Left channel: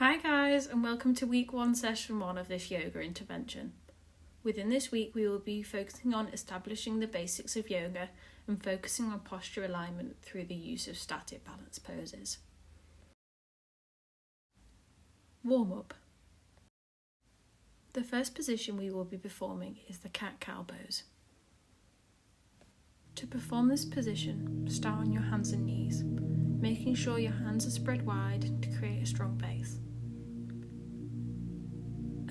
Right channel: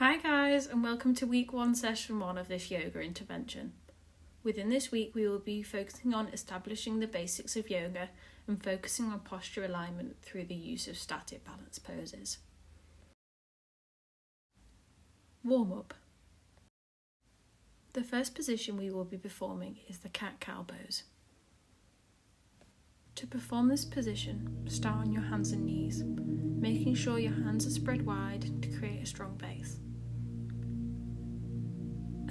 Hi guys, and welcome to week 1, session 1 of this yoga intervention. Within this week, we will be focusing on establishing the basics of yoga and focusing on posture alignment through the use of static balance poses. Warm up. The first position we will be performing is the cat-cow pose. To perform this position, start on your hands and knees, making sure your hands are spread wide to create a strong base.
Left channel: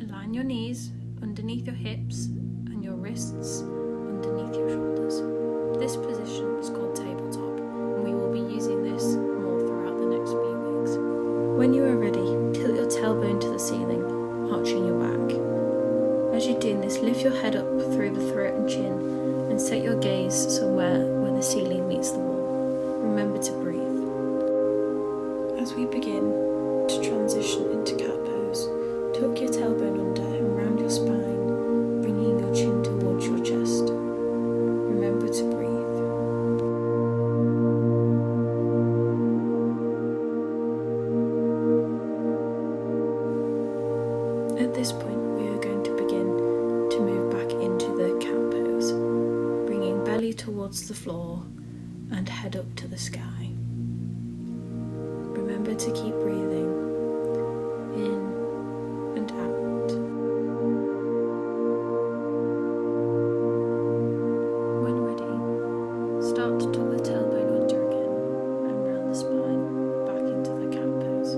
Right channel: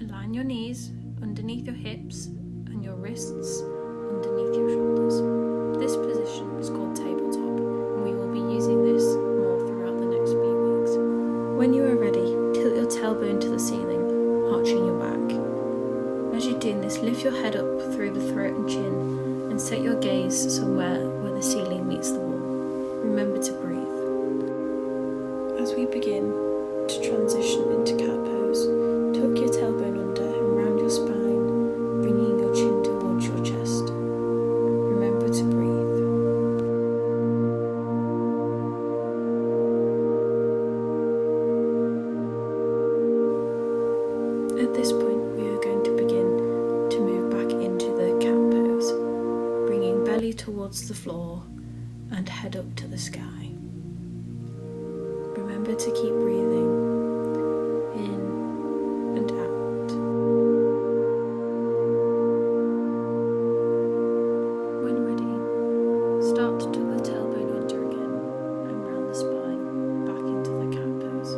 Align your knees underneath your hips and your wrists underneath your shoulders. This position is called tabletop, and we will be using this more throughout the next few weeks. When you are ready, tilt your tailbone to the ceiling, arching your back. As you're doing this, lift your head up through the throat and chin and set your gaze somewhere where the ceiling meets the wall. Remember to breathe. As we begin to transition into cat pose, tuck your tailbone under and round your spine, bringing your chin towards your chest. Remember to breathe. At this point, we are going to begin to move back into the cat pose, bringing belly towards the floor and head up to the sky. Remember to keep breathing in and out. When ready, start to tuck the tailbone under again and round the spine back into the cat pose.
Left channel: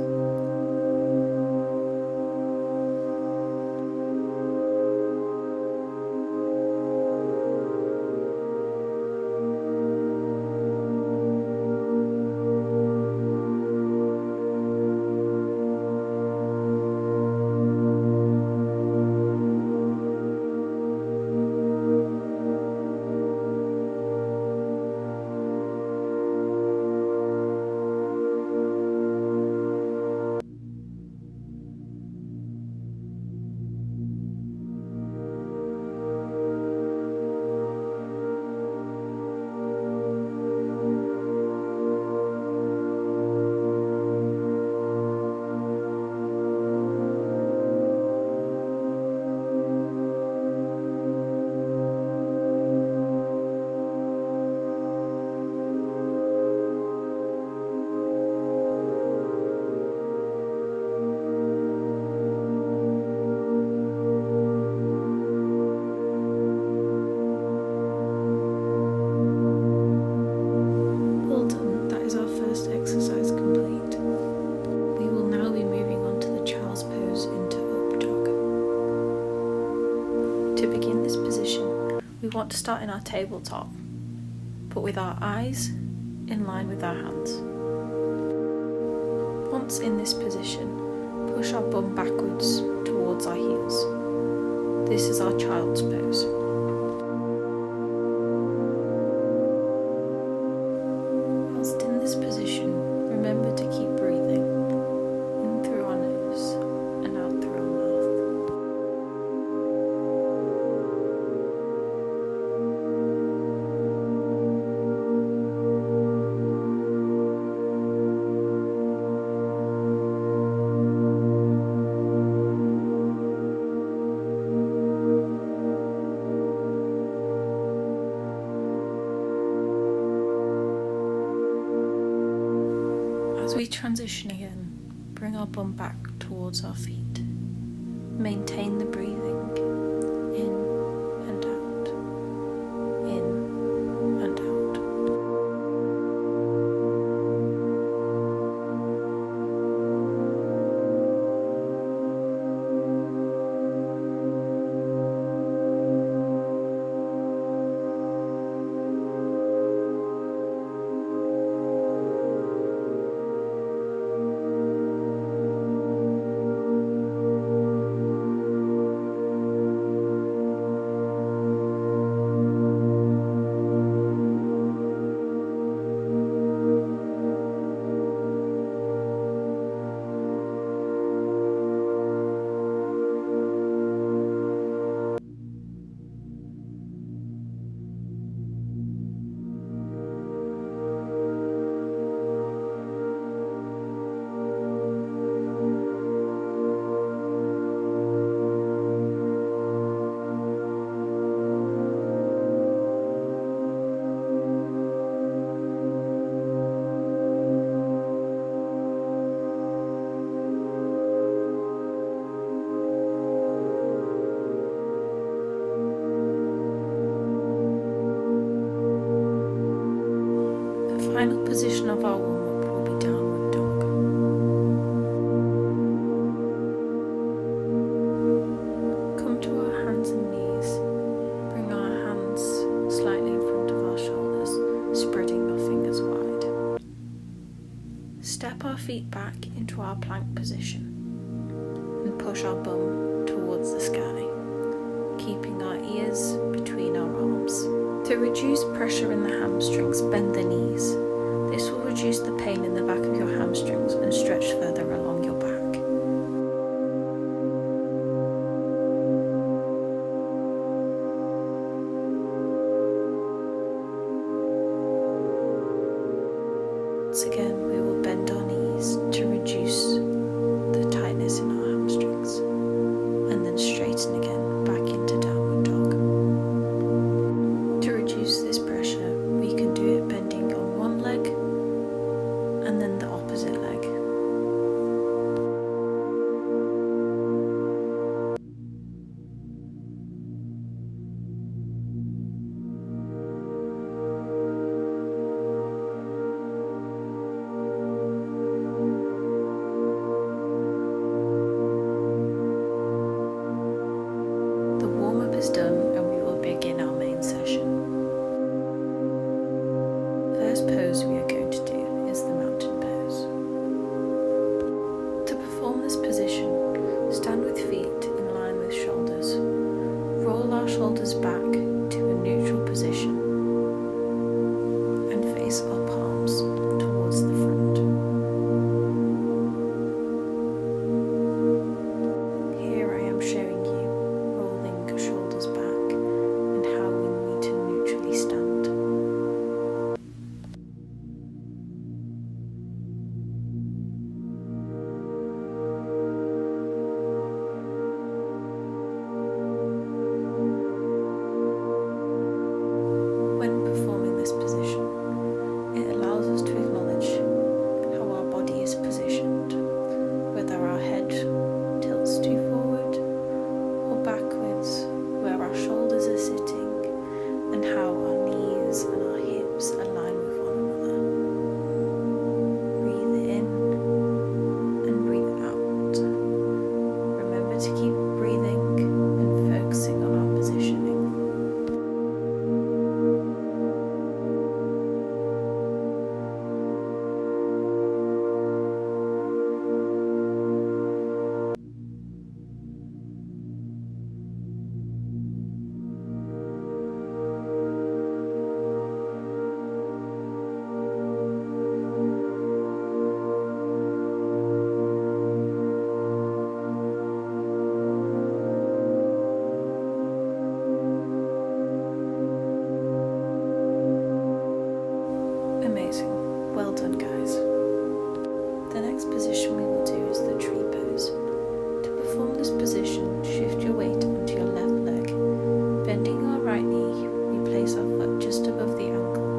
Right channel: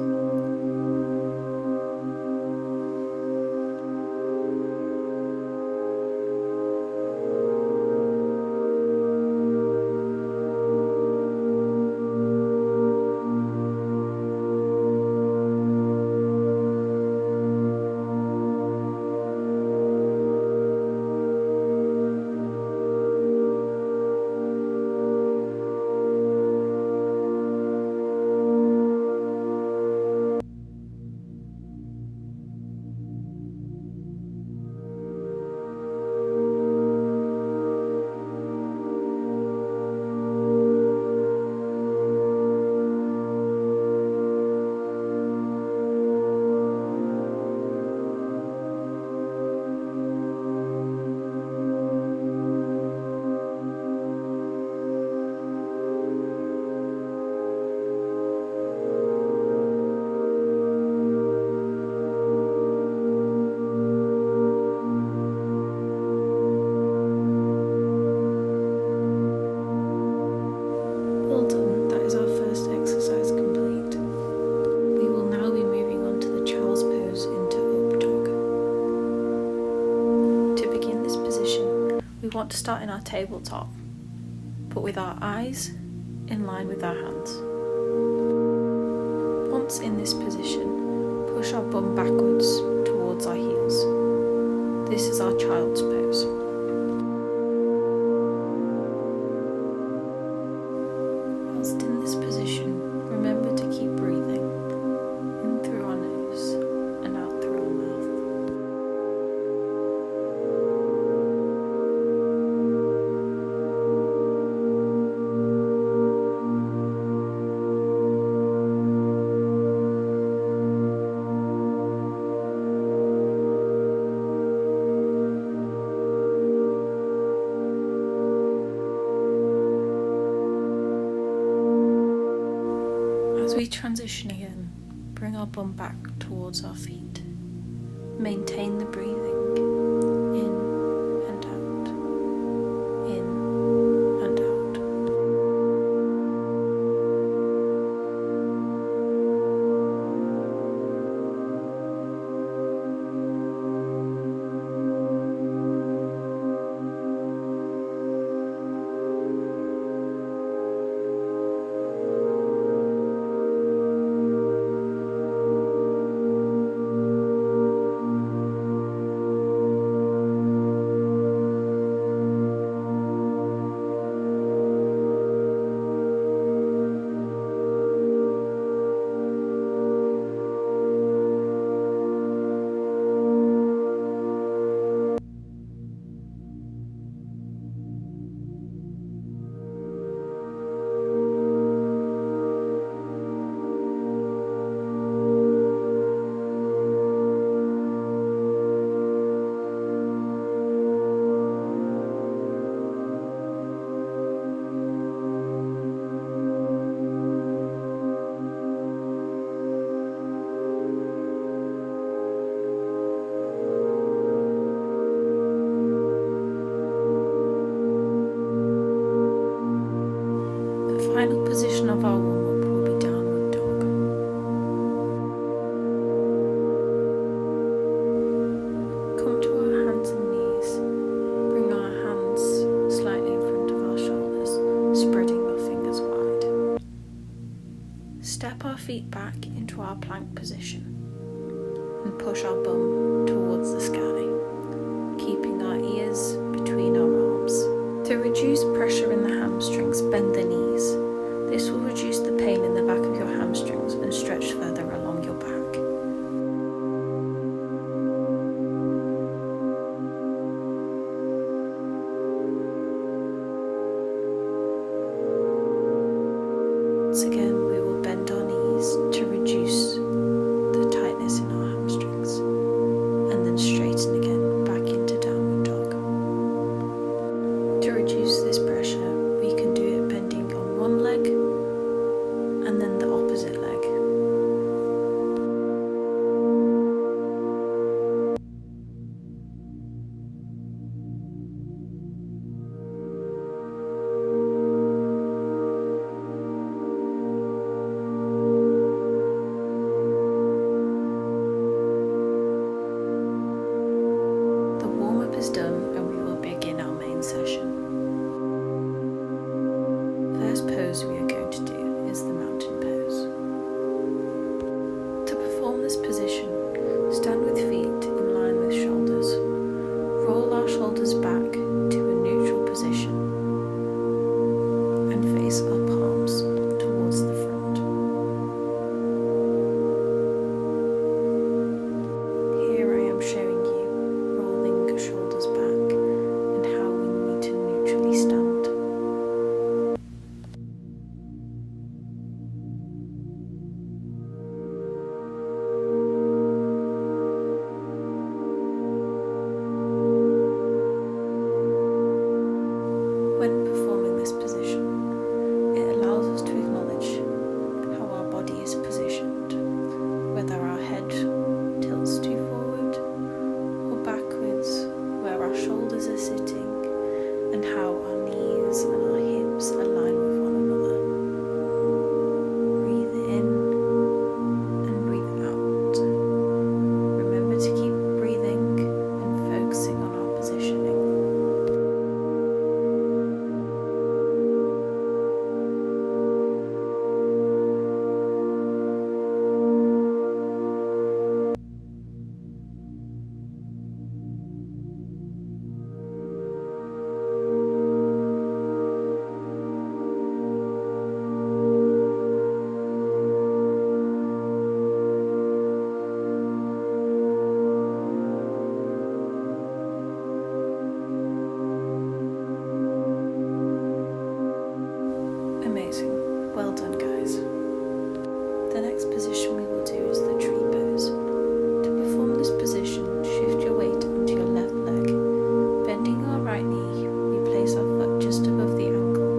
Well done, that is our first exercise complete. We will now be moving on to the child's pose into up dog. To begin this position, we want to start in our tabletop, but with our eyes in line with our hands. Once in this position, push our bum backwards towards our heels. This is our child's pose. Whilst in this position, remember to keep breathing in through our nose and out through our mouth. As we transition again, bring our bum back towards our feet. Maintain the breathing in and out, in and out. of our warm-up will be downward dog. Come to our hands and knees. Bring our hands slightly in front of our shoulders, spreading our fingers wide. Step our feet back into our plank position and push our bum towards the sky, keeping our ears between our arms. To reduce pressure in the hamstrings, bend the knees. This will reduce the pain in the back of your hamstrings and stretch further along your back. Once again, we will bend our knees to reduce the tightness in our hamstrings, and then straighten again back into downward dog. To reduce this pressure, we can do it bending on one leg and then the opposite leg. The warm-up is done and we will begin our main session. First pose we are going to do is the mountain pose. To perform this position, stand with feet in line with shoulders. Roll our shoulders back to a neutral position and face our palms towards the front. Here I am showing you rolling shoulders back and how we need to neutrally stand. When performing this position, it allows us to acknowledge how our body is positioned, whether our head tilts too forward or backwards, where our shoulders are sitting, and how our knees and our hips align with one another. Breathe in and breathe out. Remember to keep breathing and focusing on our positioning. Amazing. Well done, guys. The next position we will do is the tree pose. To perform this position, shift your weight onto your left leg. Bending our right knee, we place our foot just above the ankle,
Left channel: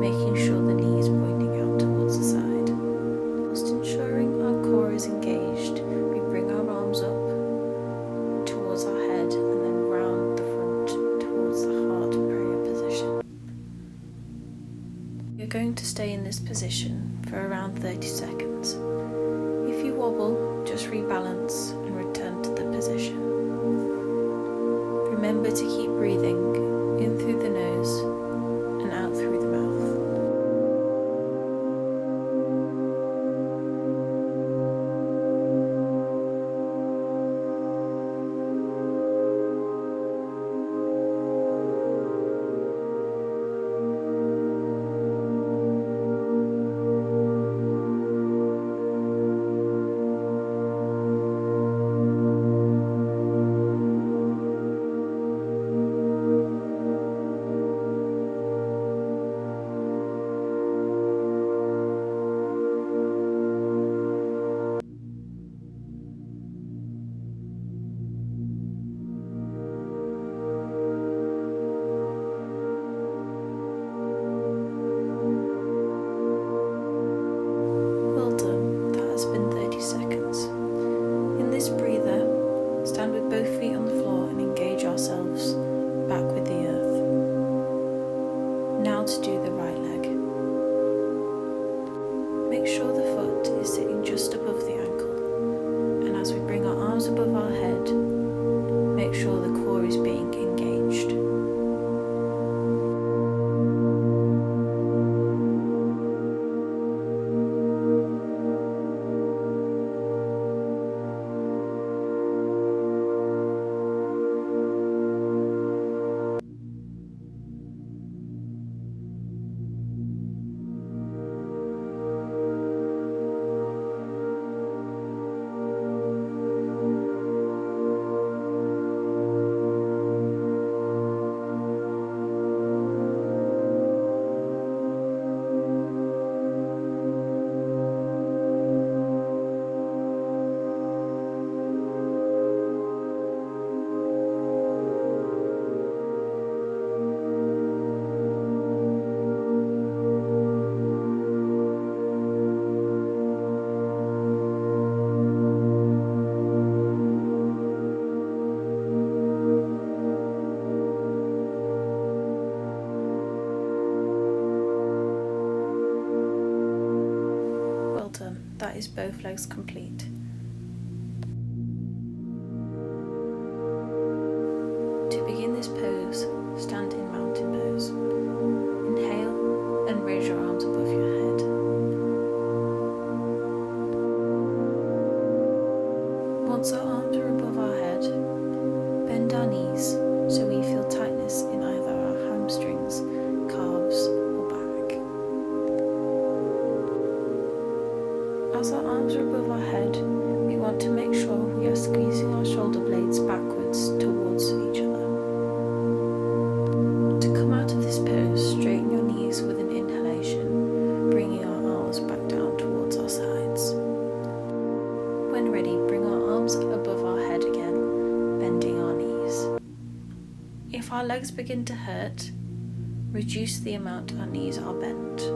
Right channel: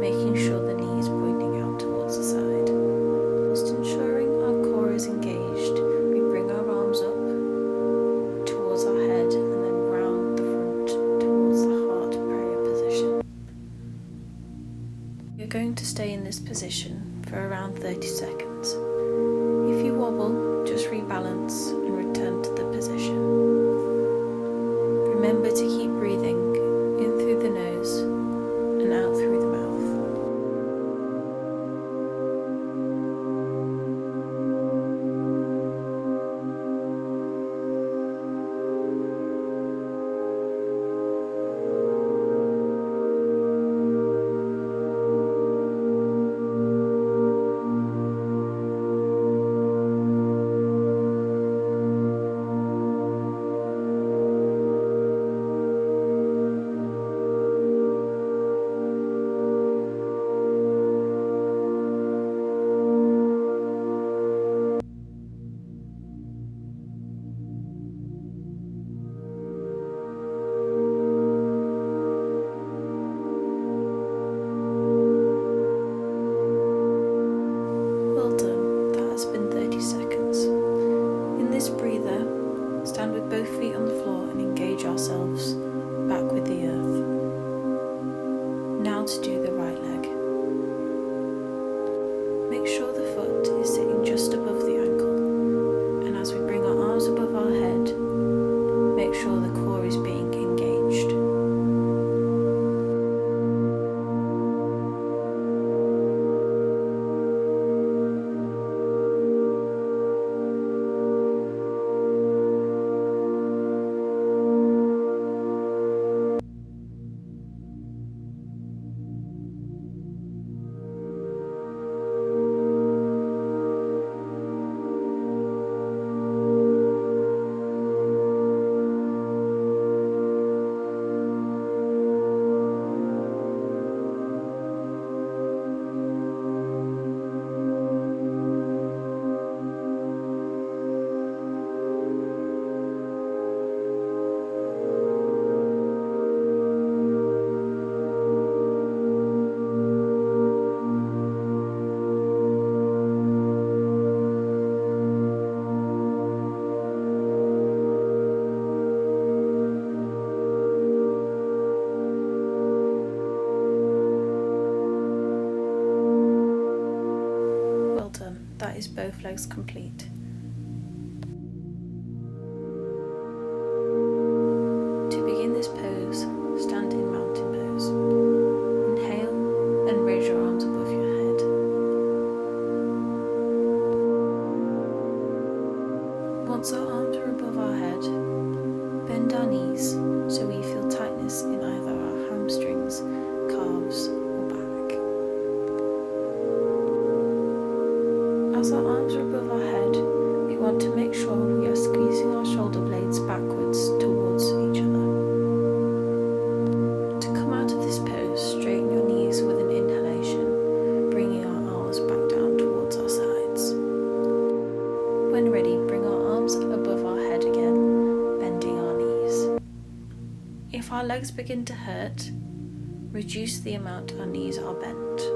making sure the knee is pointing out towards the side. Whilst ensuring our core is engaged, we bring our arms up towards our head and then round the front towards the heart prayer position. You're going to stay in this position for around 30 seconds. If you wobble, just rebalance and return to the position. Remember to keep breathing in through the nose and out through the mouth. Well done, that has been 30 seconds. In this breather, stand with both feet on the floor and engage ourselves back with the earth. Now to do the right leg. Make sure the foot is sitting just above the ankle, and as we bring our arms above our head, make sure the core is being engaged. Well done, that is both legs complete. To begin this pose, stand in mountain pose. Inhale and raise your arms above your head. Once our arms are above our head, bend our knees so we feel tightness in either our hamstrings, calves or back. As our arms are above our head, we want to make sure we are squeezing our shoulder blades backwards towards each other. To come out of this pose, straighten your knees with an inhalation, bringing our arms back down towards our sides. When ready, bring our arms above our head again, bending our knees. If our legs begin to hurt, reduce the amount our knees are bent.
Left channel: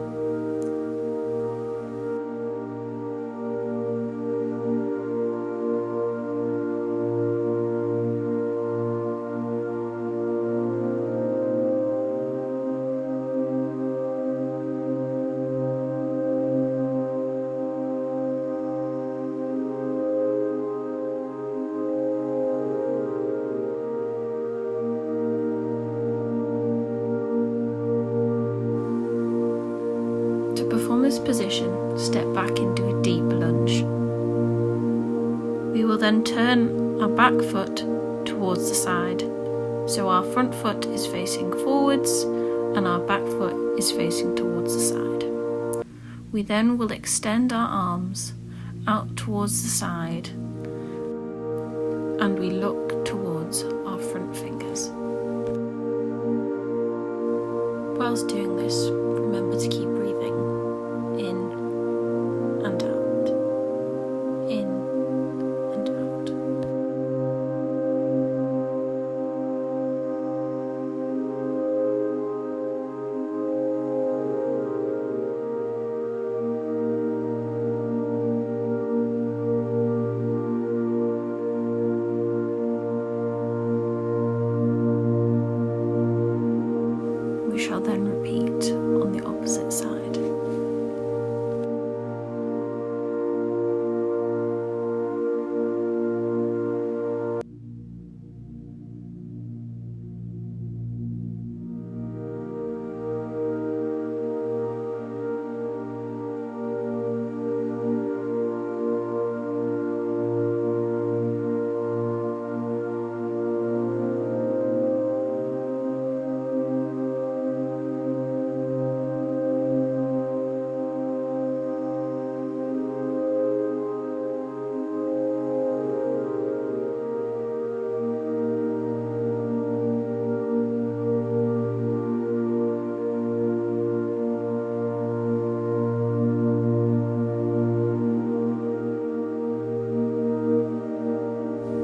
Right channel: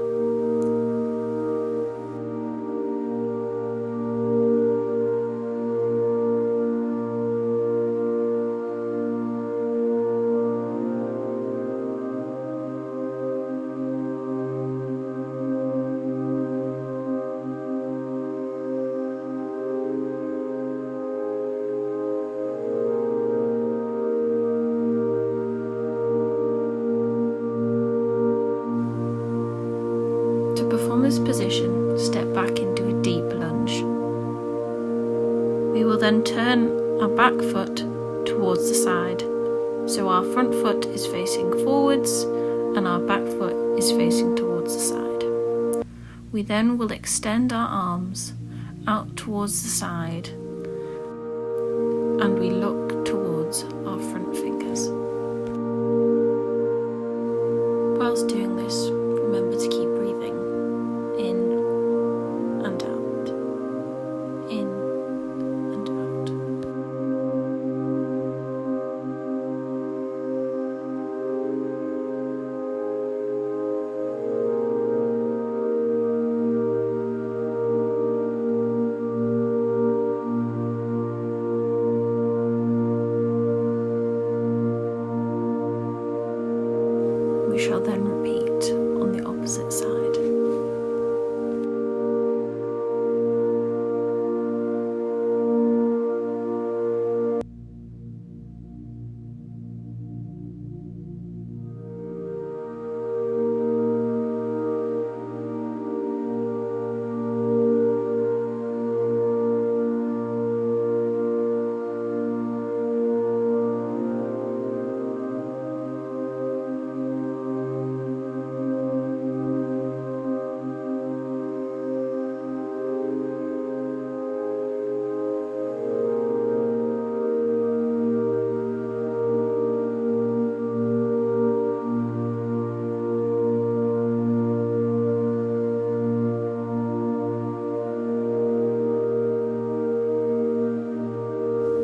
To perform this position, step back into a deep lunge. We will then turn our back foot towards the side, so our front foot is facing forwards and our back foot is facing towards the side. We then will extend our arms out towards the side and we look towards our front fingers. Whilst doing this, remember to keep breathing in and out, in and out. We shall then repeat on the opposite side.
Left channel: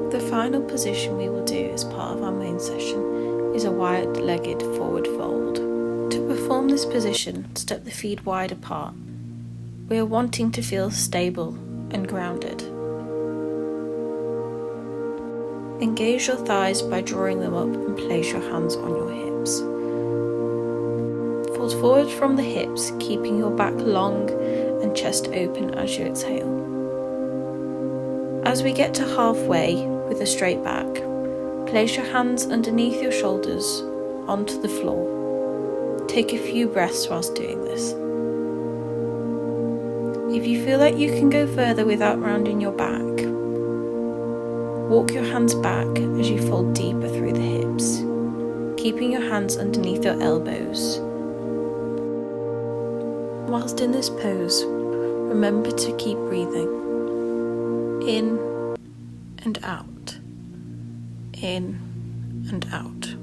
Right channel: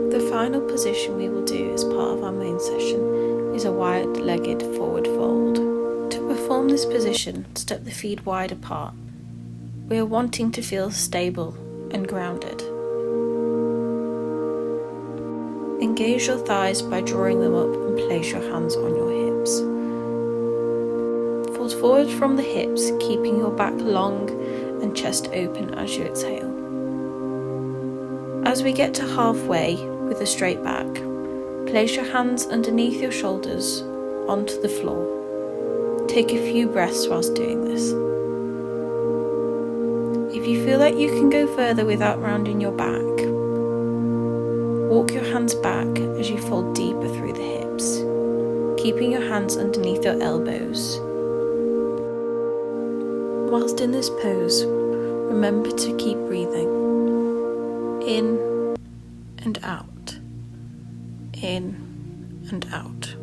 The final position we will do as part of our main session is a wide-legged forward fold. To perform this position, step the feet wide apart. We are wanting to feel stable and grounded. Engage your thighs by drawing them up and place your hands on your hips. Fold forward from the hips, keeping your back long and chest open as you exhale. As we get to halfway with a straight back, place your hands underneath your shoulders onto the floor. Take a few breaths whilst doing this. If you feel like you can go further without rounding your back, walk your hands back as you fold deeper through the hips, keeping your hands underneath your elbows. Whilst in this pose, remember to keep breathing in and out, in and out.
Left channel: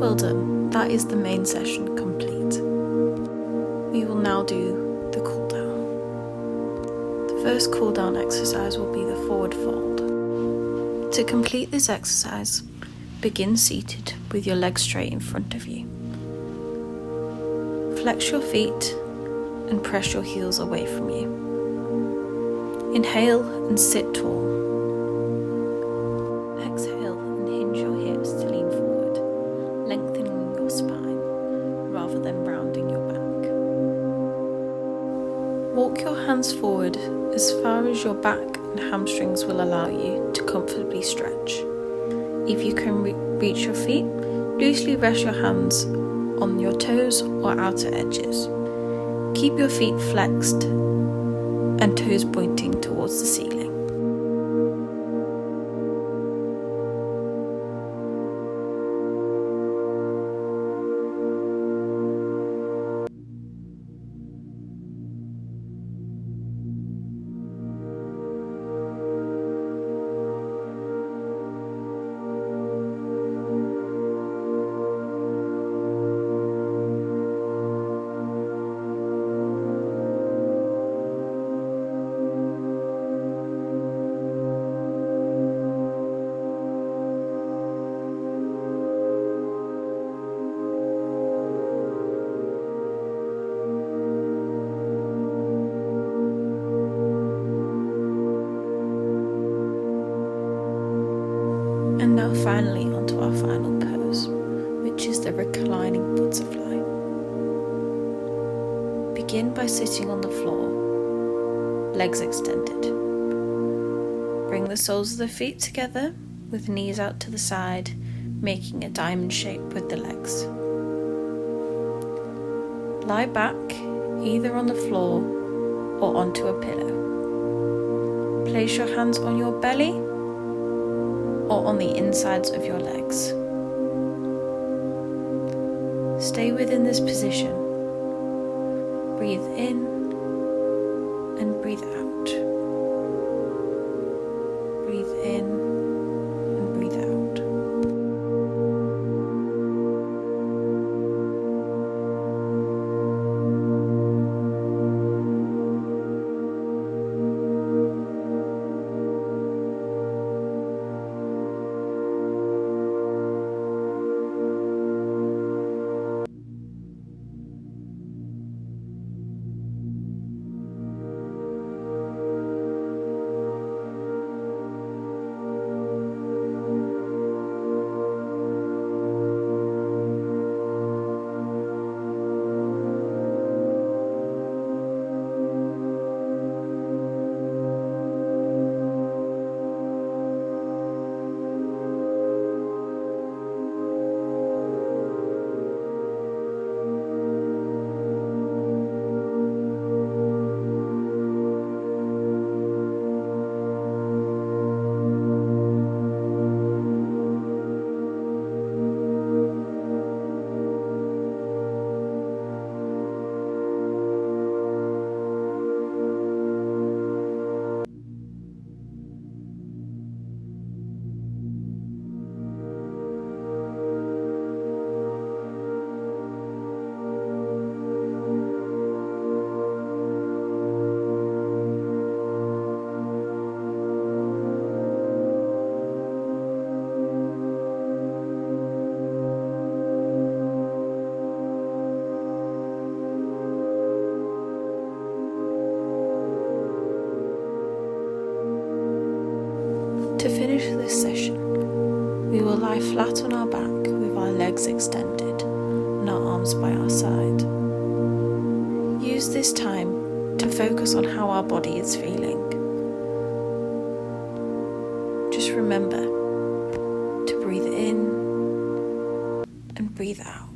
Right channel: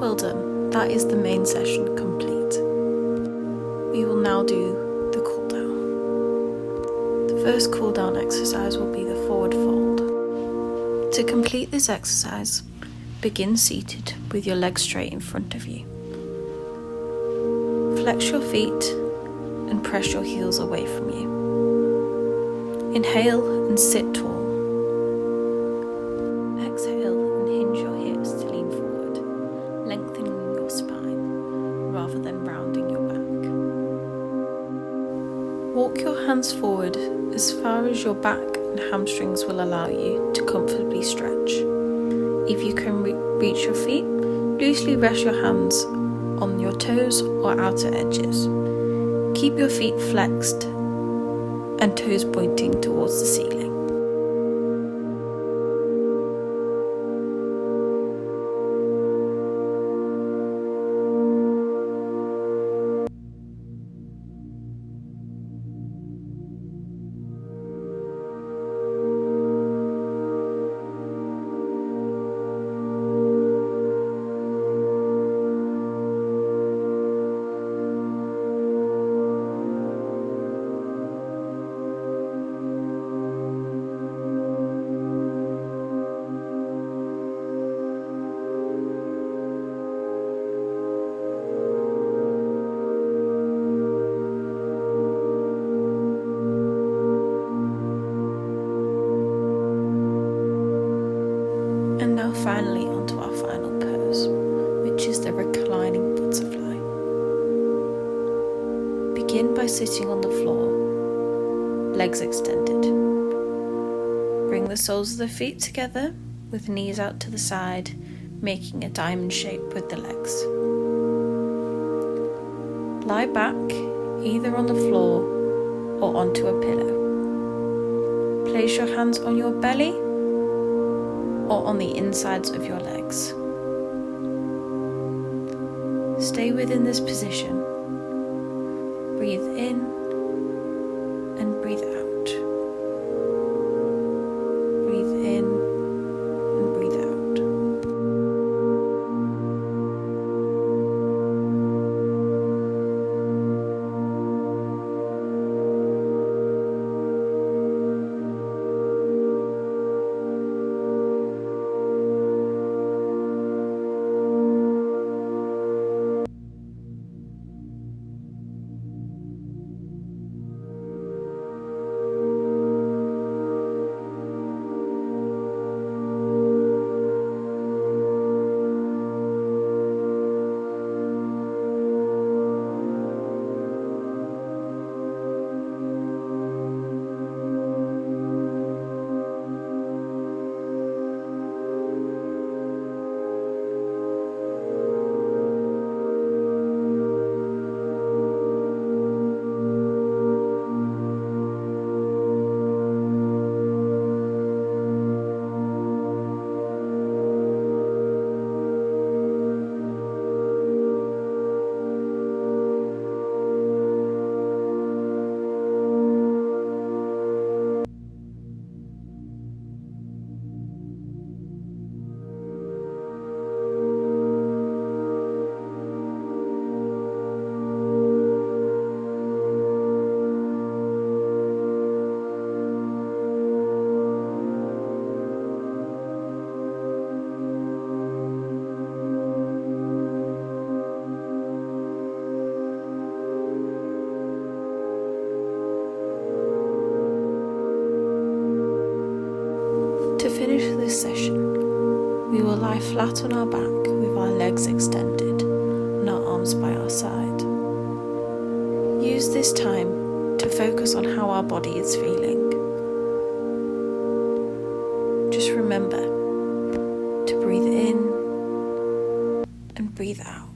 Well done, that is the main session complete. We will now do the cool down. The first cool down exercise will be the forward fold. To complete this exercise, begin seated with your legs straight in front of you. Flex your feet and press your heels away from you. Inhale and sit tall. Exhale and hinge your hips to lean forward, lengthening your spine rather than rounding your back. Walk your hands forward as far as your back and hamstrings will allow you to comfortably stretch. If you can reach your feet, loosely rest your hands on your toes or outer edges. Keep your feet flexed and toes pointing towards the ceiling. And now finally onto our final pose, which is the reclining butterfly. Begin by sitting on the floor, legs extended. Bring the soles of the feet together with knees out to the side, making a diamond shape with the legs. Lie back either on the floor or onto a pillow. Place your hands on your belly or on the insides of your legs. Stay within this position. Breathe in and breathe out. Breathe in and breathe out. To finish this session, we will lie flat on our back with our legs extended and our arms by our side. Use this time to focus on how our body is feeling. Just remember to breathe in and breathe out.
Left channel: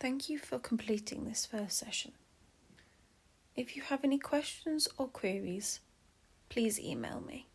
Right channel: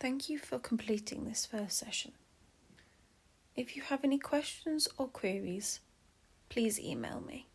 Thank you for completing this first session. If you have any questions or queries, please email me.